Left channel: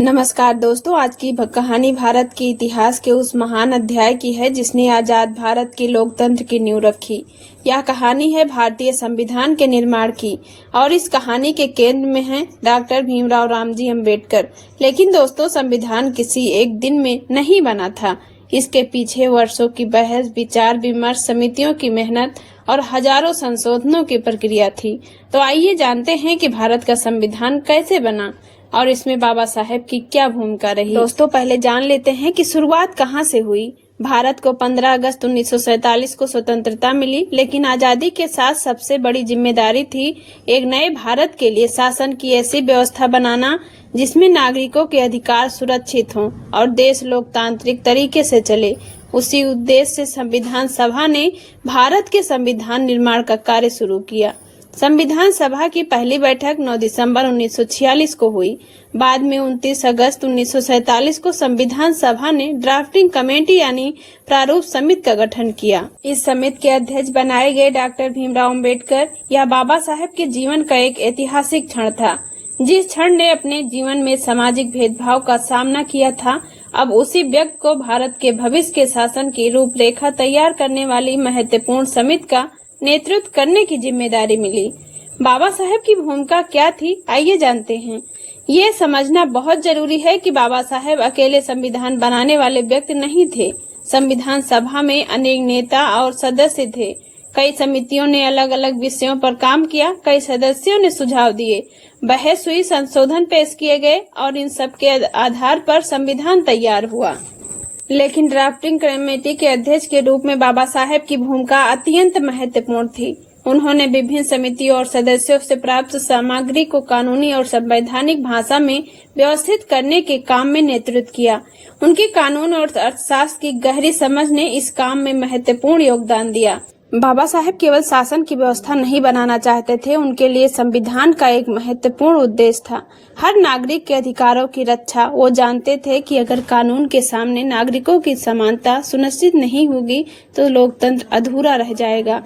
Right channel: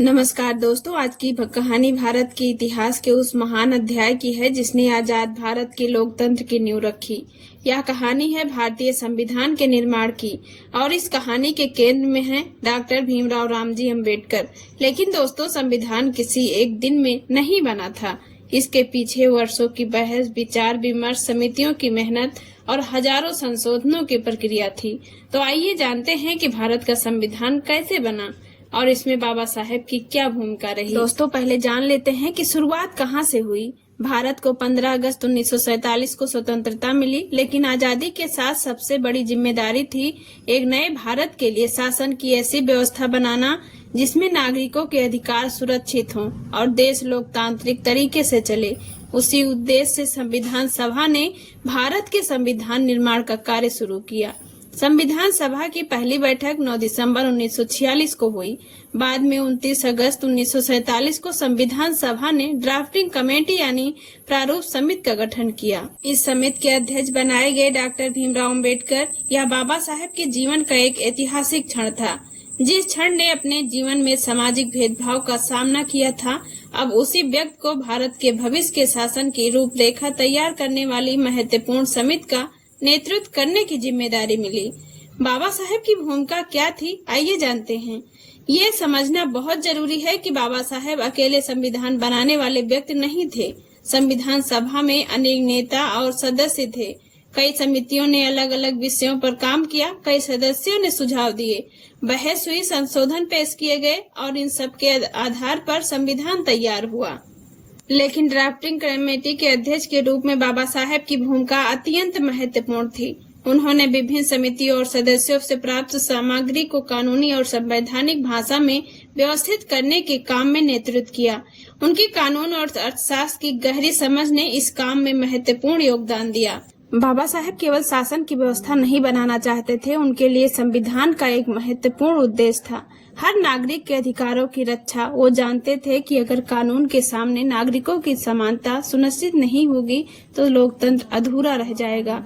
नमस्कार दोस्तों, आज की कहानी भारत के इतिहास के उस महान अध्याय की है जिसने आजाद भारत के लोकतंत्र की नींव रखी। यह कहानी है भारतीय संविधान के निर्माण की और इस कहानी के केंद्र में है डॉक्टर भीमराव रामजी अम्बेडकर। लेकिन दोस्तों, संविधान किसी एक दिन में नहीं बना था। इसके पीछे वर्षों की बहस, विचार विमर्श, समितियों की मेहनत और हजारों संशोधनों की प्रक्रिया थी। तो आइए जानते हैं कि भारत का संविधान कैसे बना और इसमें बाबा साहेब की क्या भूमिका रही। दोस्तों, पहले जान लेते हैं कि शुरुआत कहां से हुई। भारत को 15 अगस्त 1947 को स्वतंत्रता मिली, लेकिन आजादी के साथ सबसे बड़ी जिम्मेदारी थी एक नए भारत के लिए शासन की ऐसी व्यवस्था बनाना जिसमें नागरिकों के अधिकार सुरक्षित हों और देश लोकतांत्रिक तरीके से चले। उसी उद्देश्य से संविधान सभा ने भारत के संविधान निर्माण का कार्य शुरू किया। संविधान सभा की पहली बैठक 9 दिसंबर 1946 को हुई। बाद में 29 अगस्त 1947 को संविधान सभा ने ड्राफ्टिंग कमेटी यानी प्रारूप समिति का गठन किया। इस समिति के अध्यक्ष बनाए गए डॉक्टर भीमराव अम्बेडकर। यह बाबा साहेब के जीवन का एक ऐतिहासिक क्षण था। जिस क्षण ने अपने जीवन में सामाजिक भेदभाव का सामना किया था, अब उसी व्यक्ति को भारत के भविष्य के शासन की रूपरेखा तैयार करने वाली महत्वपूर्ण समिति का नेतृत्व करने की जिम्मेदारी मिली। बाबा साहेब की भूमिका क्या थी, आइए जानते हैं। ये समझना बहुत जरूरी है कि बाबा साहेब अकेले संविधान बनाने वाले व्यक्ति नहीं थे। संविधान सभा में अनेक नेता और सदस्य थे। कई समितियों ने अलग अलग विषयों पर काम किया, कई सदस्यों ने सुझाव दिए, बहस हुई, संशोधन पेश किए गए और इन सब के आधार पर संविधान तैयार हुआ। लेकिन ड्राफ्टिंग कमेटी के अध्यक्ष के रूप में बाबा साहेब की भूमिका अत्यंत महत्वपूर्ण थी। उन्होंने विभिन्न समितियों और सदस्यों से प्राप्त सामग्री को कानूनी और संवैधानिक भाषा में व्यवस्थित करने के काम में नेतृत्व किया। उनकी कानून और अर्थशास्त्र की गहरी समझ ने इस काम में महत्वपूर्ण योगदान दिया। बाबा साहेब केवल शासन की व्यवस्था नहीं बनाना चाहते थे, उनके लिए संविधान का एक महत्वपूर्ण उद्देश्य था हर नागरिक के अधिकारों की रक्षा। वो जानते थे कि अगर कानून के सामने नागरिकों की समानता सुनिश्चित नहीं होगी तो लोकतंत्र अधूरा रह जाएगा।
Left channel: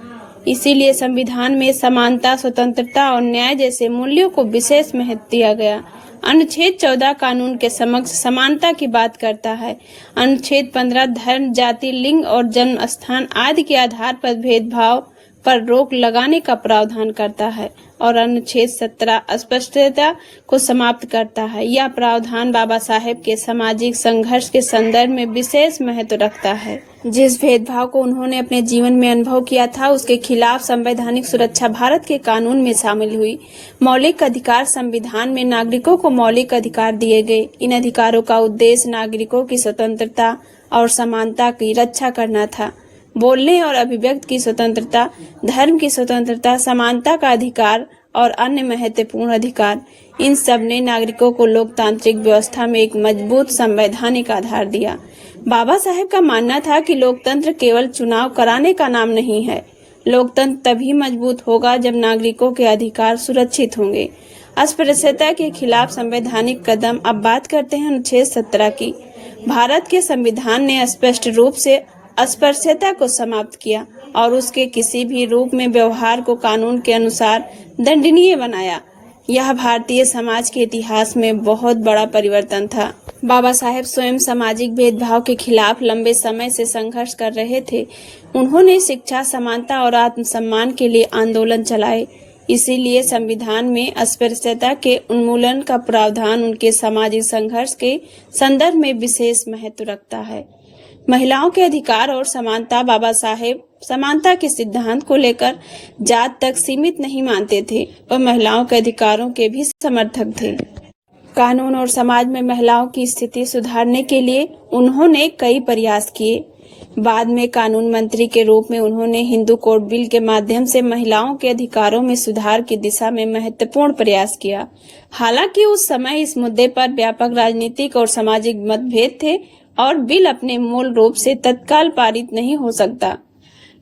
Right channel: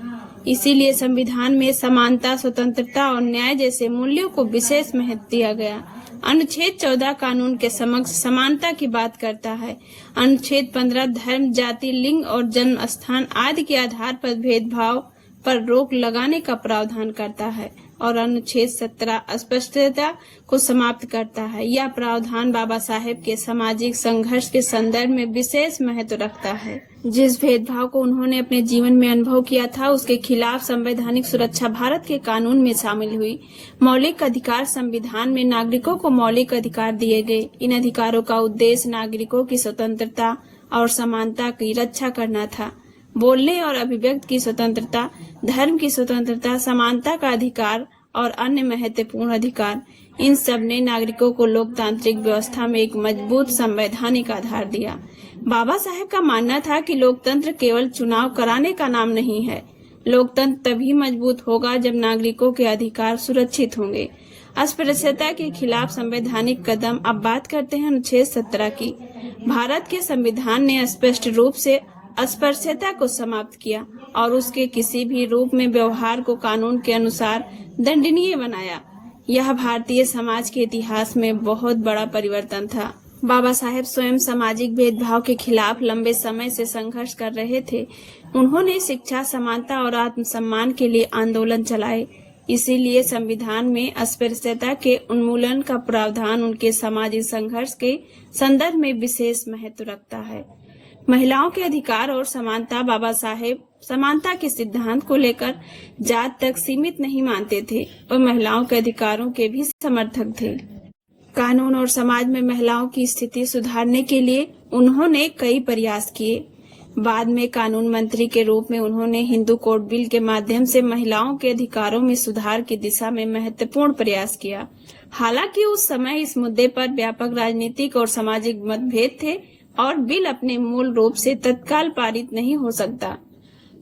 इसीलिए संविधान में समानता, स्वतंत्रता और न्याय जैसे मूल्यों को विशेष महत्व दिया गया। अनुच्छेद 14 कानून के समक्ष समानता की बात करता है। अनुच्छेद 15 धर्म, जाति, लिंग और जन्म स्थान आदि के आधार पर भेदभाव पर रोक लगाने का प्रावधान करता है और अनुच्छेद 17 अस्पृश्यता को समाप्त करता है। यह प्रावधान बाबा साहेब के सामाजिक संघर्ष के संदर्भ में विशेष महत्व रखता है। जिस भेदभाव को उन्होंने अपने जीवन में अनुभव किया था, उसके खिलाफ संवैधानिक सुरक्षा भारत के कानून में शामिल हुई। मौलिक अधिकार संविधान में नागरिकों को मौलिक अधिकार दिए गए। इन अधिकारों का उद्देश्य नागरिकों की स्वतंत्रता और समानता की रक्षा करना था। बोलने और अभिव्यक्ति की स्वतंत्रता, धर्म की स्वतंत्रता, समानता का अधिकार और अन्य महत्वपूर्ण अधिकार, इन सब ने नागरिकों को लोकतांत्रिक व्यवस्था में एक मजबूत संवैधानिक आधार दिया। बाबा साहेब का मानना था कि लोकतंत्र केवल चुनाव कराने का नाम नहीं है। लोकतंत्र तभी मजबूत होगा जब नागरिकों के अधिकार सुरक्षित होंगे। अस्पृश्यता के खिलाफ संवैधानिक कदम। अब बात करते हैं अनुच्छेद 17 की। भारत के संविधान ने स्पष्ट रूप से अस्पृश्यता को समाप्त किया और उसके किसी भी रूप में व्यवहार को कानून के अनुसार दंडनीय बनाया। यह भारतीय समाज के इतिहास में बहुत बड़ा परिवर्तन था। बाबा साहेब स्वयं सामाजिक भेदभाव के खिलाफ लंबे समय से संघर्ष कर रहे थे। उन्होंने शिक्षा, समानता और आत्मसम्मान के लिए आंदोलन चलाए। इसीलिए संविधान में अस्पृश्यता के उन्मूलन का प्रावधान उनके सामाजिक संघर्ष के संदर्भ में विशेष महत्व रखता है। महिलाओं के अधिकार और समानता। बाबा साहेब समानता के सिद्धांत को लेकर जात तक सीमित नहीं मानते थे और महिलाओं के अधिकारों के भी समर्थक थे। कानून और समाज में महिलाओं की स्थिति सुधारने के लिए उन्होंने कई प्रयास किए। बाद में कानून मंत्री के रूप में उन्होंने हिंदू कोड बिल के माध्यम से महिलाओं के अधिकारों में सुधार की दिशा में महत्वपूर्ण प्रयास किया। हालांकि उस समय इस मुद्दे पर व्यापक राजनीतिक और सामाजिक मतभेद थे और बिल अपने मूल रूप से तत्काल पारित नहीं हो सकता।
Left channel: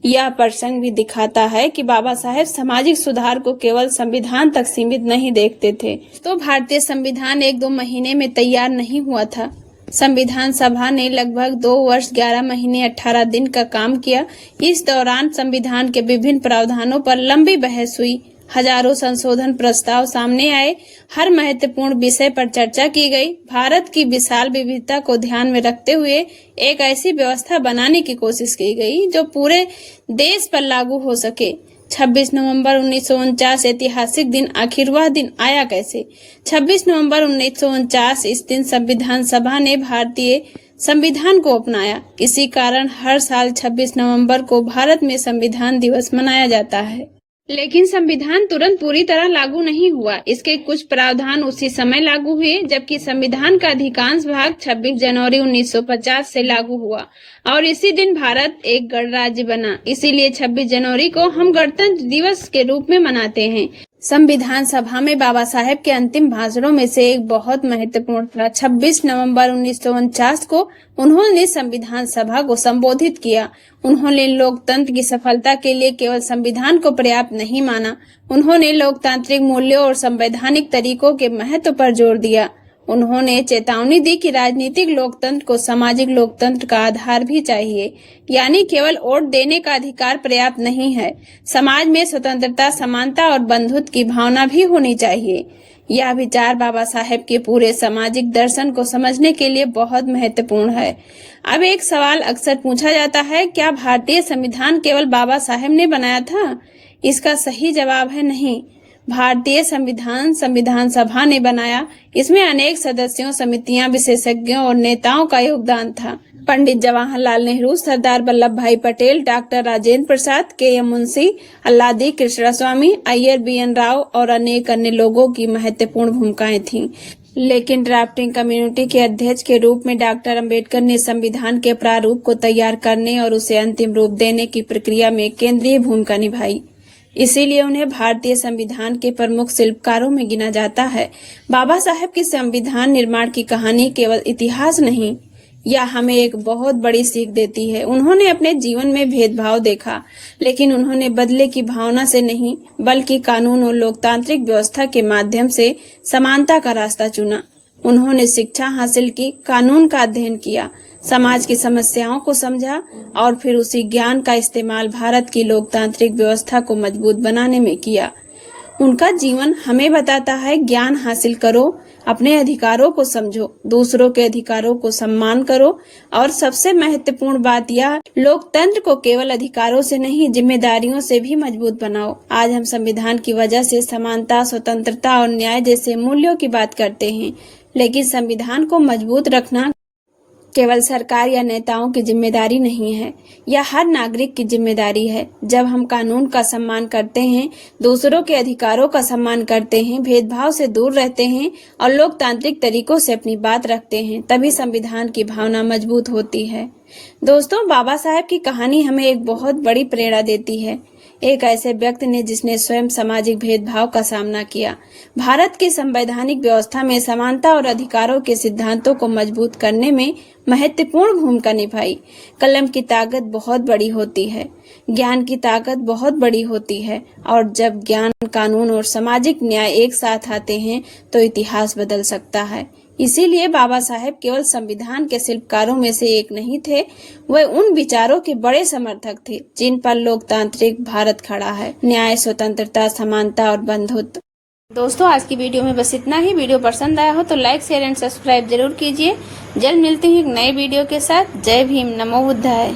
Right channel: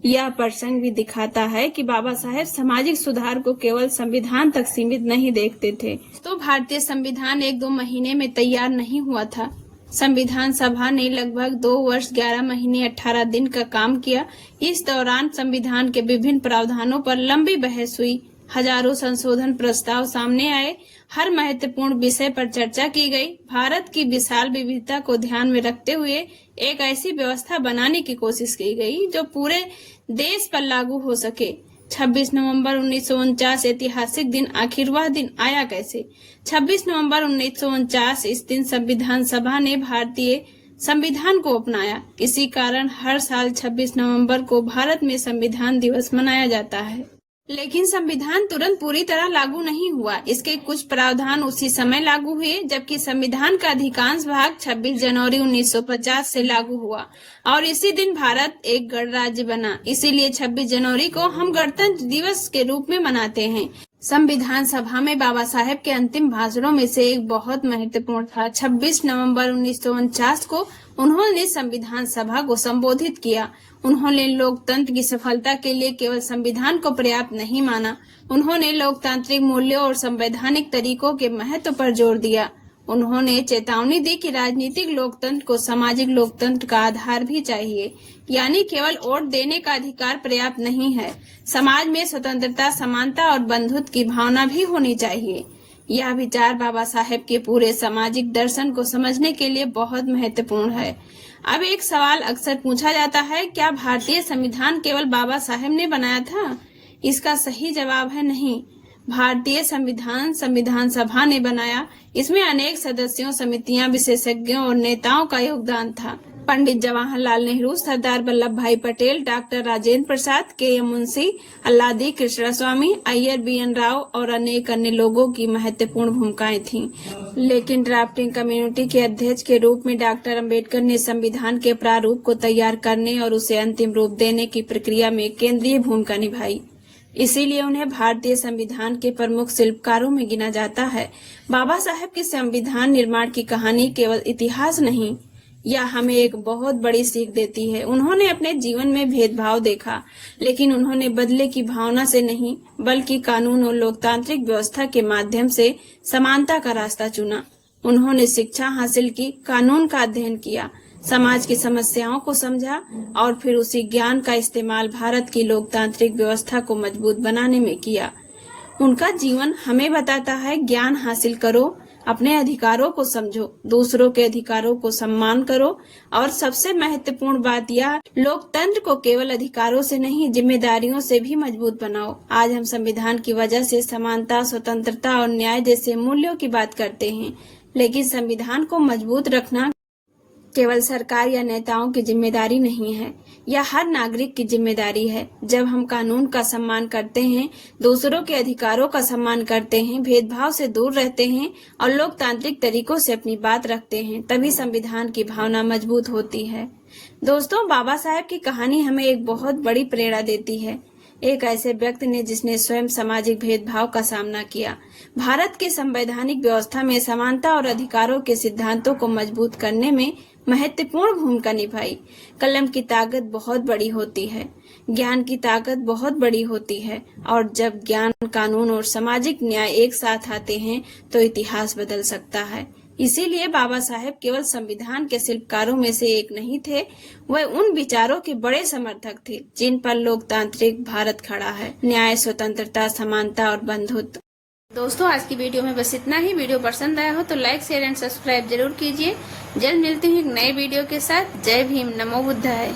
यह प्रसंग भी दिखाता है कि बाबा साहेब सामाजिक सुधार को केवल संविधान तक सीमित नहीं देखते थे। तो भारतीय संविधान 1-2 महीने में तैयार नहीं हुआ था। संविधान सभा ने लगभग 2 वर्ष 11 महीने 18 दिन का काम किया। इस दौरान संविधान के विभिन्न प्रावधानों पर लंबी बहस हुई। हजारों संशोधन प्रस्ताव सामने आए। हर महत्वपूर्ण विषय पर चर्चा की गई। भारत की विशाल विविधता को ध्यान में रखते हुए एक ऐसी व्यवस्था बनाने की कोशिश की गई जो पूरे देश पर लागू हो सके। 26 नवंबर 1949 ऐतिहासिक दिन, आखिर वह दिन आया कैसे? 26 नवंबर 1949 इस दिन संविधान सभा ने भारतीय संविधान को अपनाया। इसी कारण हर साल 26 नवंबर को भारत में संविधान दिवस मनाया जाता है। लेकिन संविधान तुरंत पूरी तरह लागू नहीं हुआ। इसके कुछ प्रावधान उसी समय लागू हुए, जबकि संविधान का अधिकांश भाग 26 जनवरी 1950 से लागू हुआ और इसी दिन भारत एक गणराज्य बना। इसीलिए 26 जनवरी को हम गणतंत्र दिवस के रूप में मनाते हैं। संविधान सभा में बाबा साहेब के अंतिम भाषणों में से एक बहुत महत्वपूर्ण था। 26 नवंबर 1949 को उन्होंने संविधान सभा को संबोधित किया। उन्होंने लोकतंत्र की सफलता के लिए केवल संविधान को पर्याप्त नहीं माना, उन्होंने लोकतांत्रिक मूल्यों और संवैधानिक तरीकों के महत्व पर जोर दिया। उन्होंने चेतावनी दी कि राजनीतिक लोकतंत्र को सामाजिक लोकतंत्र का आधार भी चाहिए, यानी केवल वोट देने का अधिकार पर्याप्त नहीं है। समाज में स्वतंत्रता, समानता और बंधुत्व की भावना भी होनी चाहिए। यह विचार बाबा साहेब के पूरे सामाजिक दर्शन को समझने के लिए बहुत महत्वपूर्ण है। अब एक सवाल अक्सर पूछा जाता है, क्या भारतीय संविधान केवल बाबा साहेब ने बनाया था? इसका सही जवाब है नहीं। भारतीय संविधान संविधान सभा ने बनाया। इसमें अनेक सदस्यों, समितियां, विशेषज्ञों और नेताओं का योगदान था। पंडित जवाहरलाल नेहरू, सरदार वल्लभ भाई Patel, doctor Rajendra Prasad, KM. Munshi, Alladi Krishnaswamy, Iyer, BN. Rao और अनेक अन्य लोगों की महत्वपूर्ण भूमिकाएं थीं। लेकिन ड्राफ्टिंग कमेटी के अध्यक्ष के रूप में डॉक्टर अंबेडकर ने संविधान के प्रारूप को तैयार करने और उसे अंतिम रूप देने की प्रक्रिया में केंद्रीय भूमिका निभाई। इसीलिए उन्हें भारतीय संविधान के प्रमुख शिल्पकारों में गिना जाता है। बाबा साहेब की संविधान निर्माण की कहानी केवल इतिहास नहीं, यह हमें एक बहुत बड़ी सीख देती है। उन्होंने अपने जीवन में भेदभाव देखा, लेकिन उन्होंने बदले की भावना से नहीं, बल्कि कानून और लोकतांत्रिक व्यवस्था के माध्यम से समानता का रास्ता चुना। उन्होंने शिक्षा हासिल की, कानून का अध्ययन किया, समाज की समस्याओं को समझा और फिर उसी ज्ञान का इस्तेमाल भारत की लोकतांत्रिक व्यवस्था को मजबूत बनाने में किया। उनका जीवन हमें बताता है, ज्ञान हासिल करो, अपने अधिकारों को समझो, दूसरों के अधिकारों को सम्मान करो और सबसे महत्वपूर्ण बात यह, लोकतंत्र को केवल अधिकारों से नहीं, जिम्मेदारियों से भी मजबूत बनाओ। आज हम संविधान की वजह से समानता, स्वतंत्रता और न्याय जैसे मूल्यों की बात करते हैं, लेकिन संविधान को मजबूत रखना केवल सरकार या नेताओं की जिम्मेदारी नहीं है, यह हर नागरिक की जिम्मेदारी है। जब हम कानून का सम्मान करते हैं, दूसरों के अधिकारों का सम्मान करते हैं, भेदभाव से दूर रहते हैं और लोकतांत्रिक तरीकों से अपनी बात रखते हैं, तभी संविधान की भावना मजबूत होती है। दोस्तों, बाबा साहेब की कहानी हमें एक बहुत बड़ी प्रेरणा देती है। एक ऐसे व्यक्ति ने जिसने स्वयं सामाजिक भेदभाव का सामना किया, भारत की संवैधानिक व्यवस्था में समानता और अधिकारों के सिद्धांतों को मजबूत करने में महत्वपूर्ण भूमिका निभाई। कलम की ताकत बहुत बड़ी होती है, ज्ञान की ताकत बहुत बड़ी होती है और जब ज्ञान, कानून और सामाजिक न्याय एक साथ आते हैं तो इतिहास बदल सकता है। इसीलिए बाबा साहेब केवल संविधान के शिल्पकारों में से एक नहीं थे, वे उन विचारों के बड़े समर्थक थे जिन पर लोकतांत्रिक भारत खड़ा है। न्याय, स्वतंत्रता, समानता और बंधुत्व। दोस्तों, आज की वीडियो में बस इतना ही। वीडियो पसंद आया हो तो लाइक, शेयर एंड सब्सक्राइब जरूर कीजिए। जल्द मिलते हैं एक नए वीडियो के साथ। जय भीम, नमो बुद्धाय।